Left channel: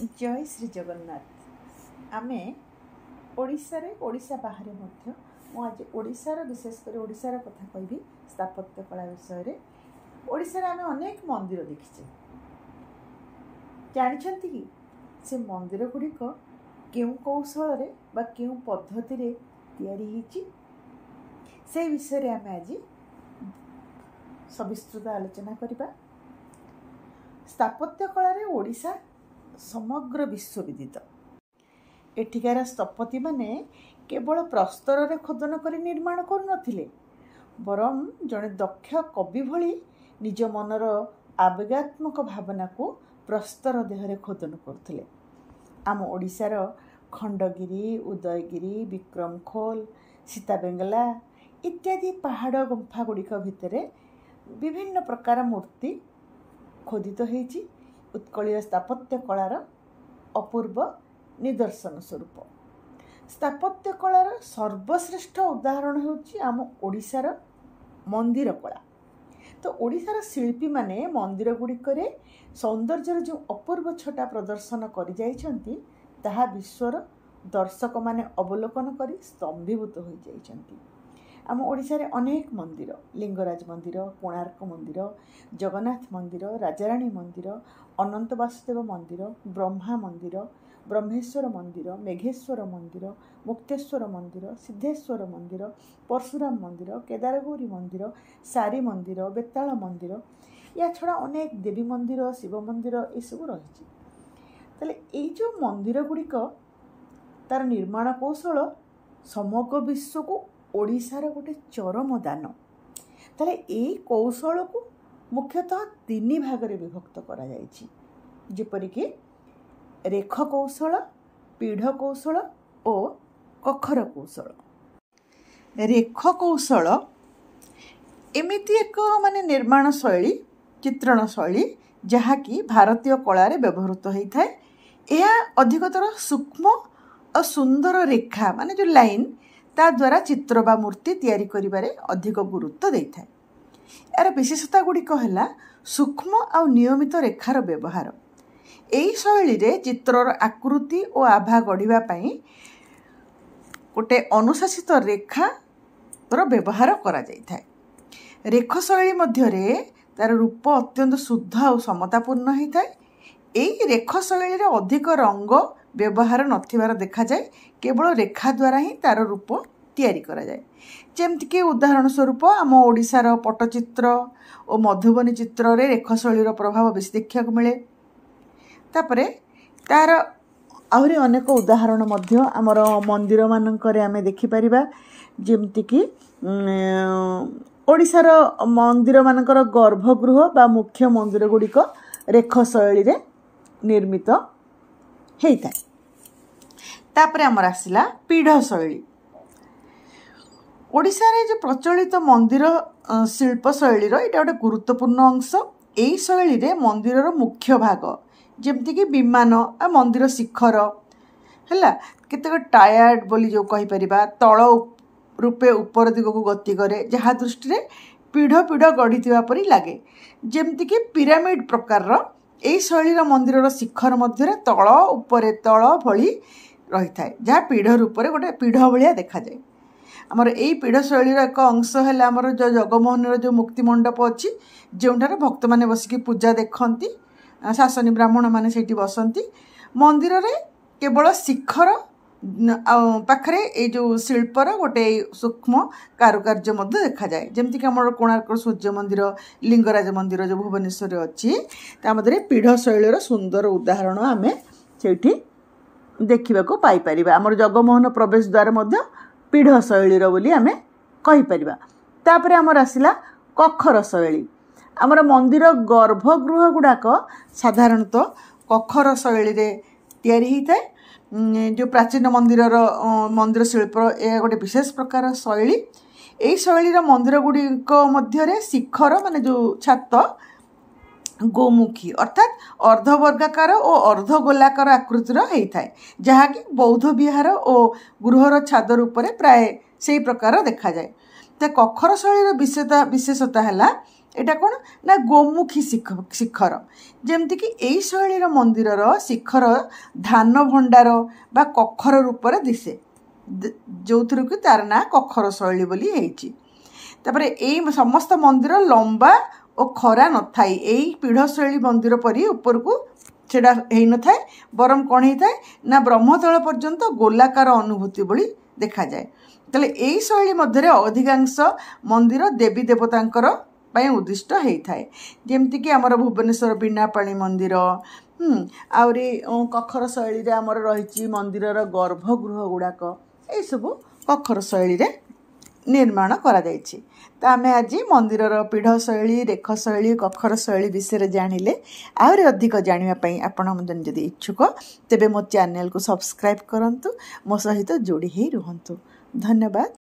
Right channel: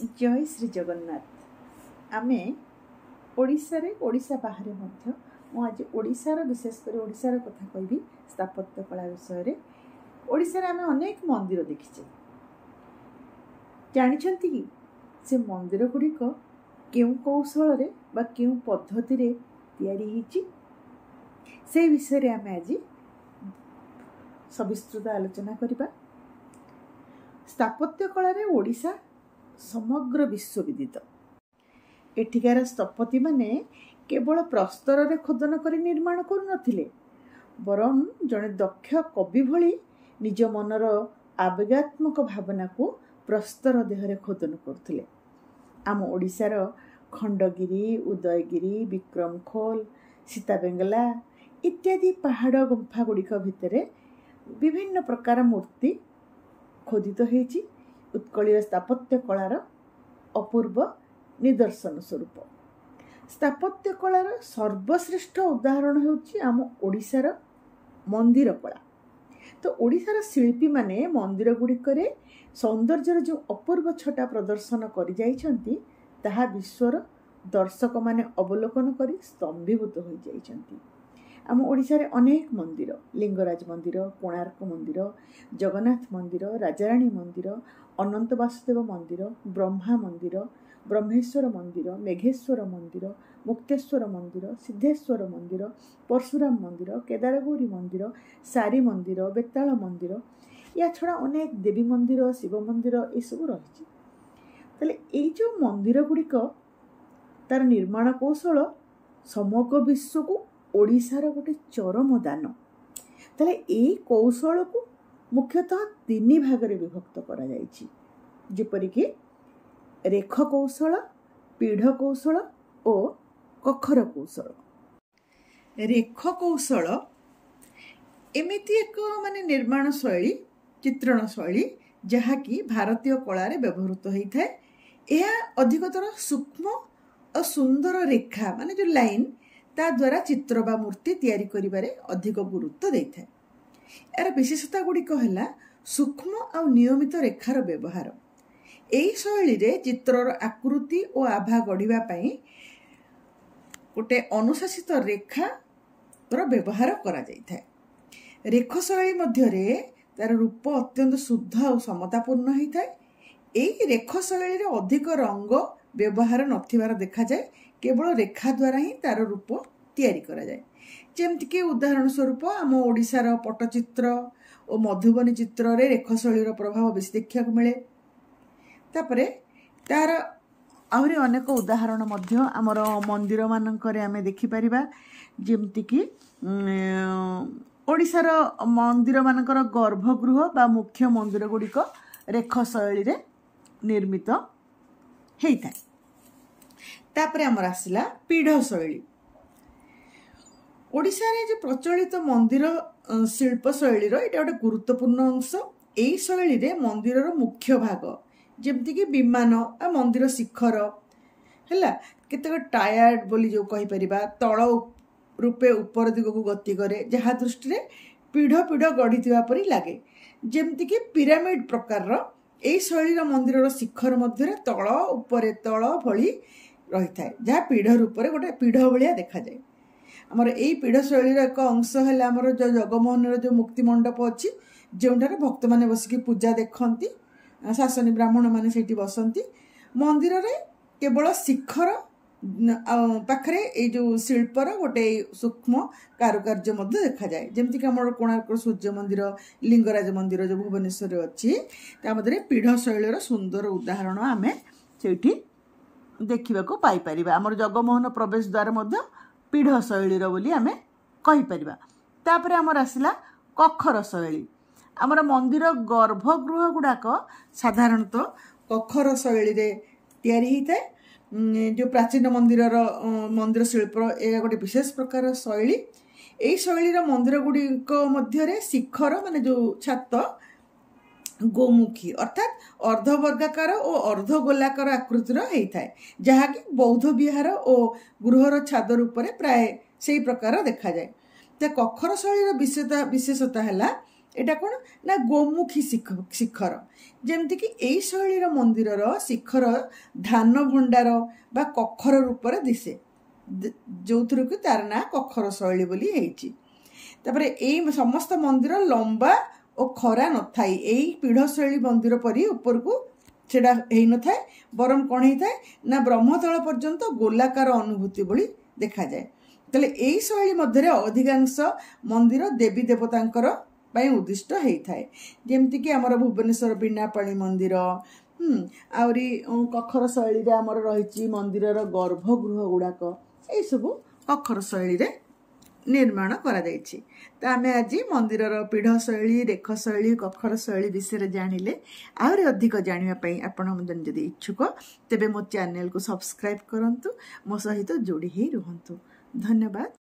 जय श्री जगन्नाथ। आमे ओडिशा रे ओडिशा बाहर मध्य मु आज ओडिशार विशेषकर ओडिशार कथा कहबी स्थापत्य कला विषय रे। ओडिशा रे आमे अनेक मंदिर देखिछे। जानिछंती कि से मंदिर गुड़िक केउ कौशल रे बा केउ पद्धति रे तैयारी हिची से विषय रे आमे आज सविस्तृत आलोचना करिबा। स्थापत्य कला रे ओडिशा समग्र विश्व विदित। एठिकार स्थपति माने केवल प्रस्तर रे खोदन करी निर्माण करू नथिले, बरं जड़े दक्ष कवि भली निज मनर आवेगात्मक भावना को प्रस्तर देहरे खोदन करथिले। आम ओडिशार खंडगिरी, उदयगिरी, विक्रमखोल, सीताबेंगला इत्यादि पहाड़ गुंफा गुड़िक भितरे विभिन्न प्रकार मूर्ति खोदित होईछि। उत्कलीय स्थापत्य कलार अपूर्व निदर्शन स्वरूप। स्थापत्य कलार सर्वश्रेष्ठ उदाहरण होछि आम ओडिशार मंदिर कला। तो ओडिशार शिल्पी माने मंदिर गुड़िकरे सौंदर्यर जो अपूर्व छटा प्रदर्शन करि जाइछंती ताहा विश्वर दर्शक माने अवलोकन करी स्तंभीभूत हो जाइछंती। आम ओडिशा रे अनेक मंदिर, लिंगराज मंदिर, कोणार्क मंदिर, जगन्नाथ मंदिर, राजाराणी मंदिर, अनंत वासुदेव मंदिर, ब्रह्मा मंदिर, ब्रह्मेश्वर मंदिर, मेघेश्वर मंदिर, मुक्तेश्वर मंदिर, सिद्धेश्वर मंदिर, परशुराम मंदिर, केदारगौरी मंदिर, सारी मंदिर, बेताल मंदिर, या छड़ा अनेक देवी मंदिर, शिव मंदिर ये सब रही। ताले ये जो मंदिर गुड़िक तार निर्माण कौशल समग्र विश्व को ओडिशार गोटे चरम दान। ताले ये कौशल को मुख्यतः तीन भाग रे विभक्त करा जायछि, जेपरिक रेख कौशल, पीढ़ कौशल और कखर कौशल। रेख कौशल एमिति एक माने निर्माण शैली, चित्रण शैली जहाँकि भारतीय कला रे व्यवहृत होता है। यह अधिकतर सूक्ष्म और सुंदर रेखा माने जो लाइन ता द्वारा चित्र बा मूर्ति तैयारी करिबारे अधिक गुरुत्व देता है। यार विशेषता गुड़िक है सूक्ष्म और नियमित रेखार व्यवहार। यही शैली रे चित्रर आकृति और आभा गढ़िबा पई गोटे अनुशासित रेखार व्यवहार करा जायता है। रेख शैली मध्य रे तार रूप अत्यंत शुद्ध और समतापूर्ण होता है। यही रेख शैली रे अधिक रंग व्यवहार नथिबार देखा जाए, केवल रेखा द्वारा ही तार रूप तैयारी करा जाए। जेमतिक उदाहरण स्वरूप आम ओडिशार पट्टचित्र और मधुबनी चित्र रे रेख शैलीर प्रभाव बेसी देखा मिले। तापरे तार आहरी अनेक उदाहरण मध्य आमर मंदिर मानकरे आमे देखि परिबा। जेमतिक ओडिशार मंदिर मानकर गर्भगृह बा मुख्य मंदिर गुड़िक रेख शैली रे निर्मित होता है। तापरे आमर आसिला पीढ़ शैली। ओडिशा रे जो प्रचलित मंदिर शिल्प शैलीर एटा गोटे गुरुत्वपूर्ण अंश। यही शैली रे मंदिरर मुख्य भाग जेमती कि विमान आ मंदिर शिखर है केतेक टायर्ड बोली जो कहि परिबा तल रूपे ऊपर दिग को गति करे, जहाँ दृष्टि पीढ़ पीढ़ गढ़ी परी लगे। जेमती कि पिरामिड प्रकार यही शैलीर मंदिरर शिखर मध्य तल उपरे तल भली रही थाए, जहाँ पीढ़ रूप से गोटे पीढ़ भाया देखा जाए। आमर यही पीढ़ शैलीर एक अंश है आमर जो जगमोहन जो मुक्ति मंडप अच्छी, जो भक्त मैंने बसिक पूजा देखती, शासनी ब्राह्मण मैंने से बसती। मंदिर रे केवल शिखर पाखरे ये जो शिल्पर गोटे सूक्ष्म कारुकार्य देखा जाए। जमीक आम कोणार्क सूर्य मंदिर, लिंगराज मंदिर जो भुवनेश्वर अच्छी मध्य पीढ़ शैलीर सुंदर उदाहरण आम से देखा पाइपर। आमर जगमोहन प्रवेश द्वार मध्य पीढ़ शैलीर बोली आमे कहि परिबा। तापरे आमर आसिला कखर शैली। आमर मंदिर गर्भगृह गुड़ाक साधारणतः कखर शैली रे तैयारी होता है। जो प्राचीन मंदिर शिल्प यह गोटे विशेष प्रकार शैली। यही शैलीर मंदिर गुड़िक मध्य शिखर माने जो छात गोमुखी अर्थात अर्धवर्गाकार और अर्धगोलाकार आकृतिर होता है, जहाँकि बौद्ध विहार और गृहर छाद रूप प्राय से प्रकार देखा जाए। तो कखर शैलीर विशेषता है ଏଇଟା କ'ଣ ନା ଗୋମୁଖୀ ଶିଖର। ଯେମିତିକି ଏଇ ଶୈଳୀର ମନ୍ଦିରର ଶିଖର ଧାନ ଭଣ୍ଡାର ବା କଖର ରୂପରେ ଦିଶେ, ଯେଉଁଥିରୁ କି ତାର ନାଁ କଖର ଶୈଳୀ ବୋଲି ହେଇଛି। ତାପରେ ଏଇ ସମସ୍ତ ମନ୍ଦିର ଲମ୍ବା ଓ ଖରା ନଥାଏ। ଏଇ ପୀଢ଼ଶୈଳୀ ମନ୍ଦିର ପରି ଉପରକୁ ସେଟା ହେଇନଥାଏ, ବରଂ କ'ଣ ହେଇଥାଏ ନା ବ୍ରହ୍ମତଳ ପର୍ଯ୍ୟନ୍ତ ଗୋଲାକାର ଅନୁଭୂତି ଭଳି ଦେଖାଯାଏ। ତାହେଲେ ଏଇ ଶୈଳୀ ମଧ୍ୟରେ ଅଧିକାଂଶ ମନ୍ଦିର ଦେବୀ ଦେବତାଙ୍କର ପାଇଁ ଉଦ୍ଦିଷ୍ଟ ହେଇଥାଏ। ଯେମିତିକି ଆମର ଭୁବନେଶ୍ୱର ବୀଣାପାଣି ମନ୍ଦିର, ଆହୁରି କଖର ଶୈଳୀରେ ଆମର ରହିଛି ମନ୍ଦିରର ଗର୍ଭଗୃହ ଗୁଡ଼ାକ, ଏଇସବୁ କଖର ଶୈଳୀରେ ନିର୍ମାଣ କରାଯାଇଛି। ତ ଆମେ ଆଜି ମନ୍ଦିରର ପୀଢ଼ ଶୈଳୀ, ରେଖ ଶୈଳୀ, କଖର ଶୈଳୀ ବିଷୟରେ ଜାଣିଲେ। ଆହୁରି ଅଧିକ ଜାଣିବା ପାଇଁ ଆପଣ ଯଦି ଇଚ୍ଛୁକ ତେବେ ମୋ ଚ୍ୟାନେଲକୁ ସବସ୍କ୍ରାଇବ୍ କରନ୍ତୁ, ମୋ ସହିତ ଯୋଡ଼ି ହେଇ ରୁହନ୍ତୁ। ଧନ୍ୟବାଦ।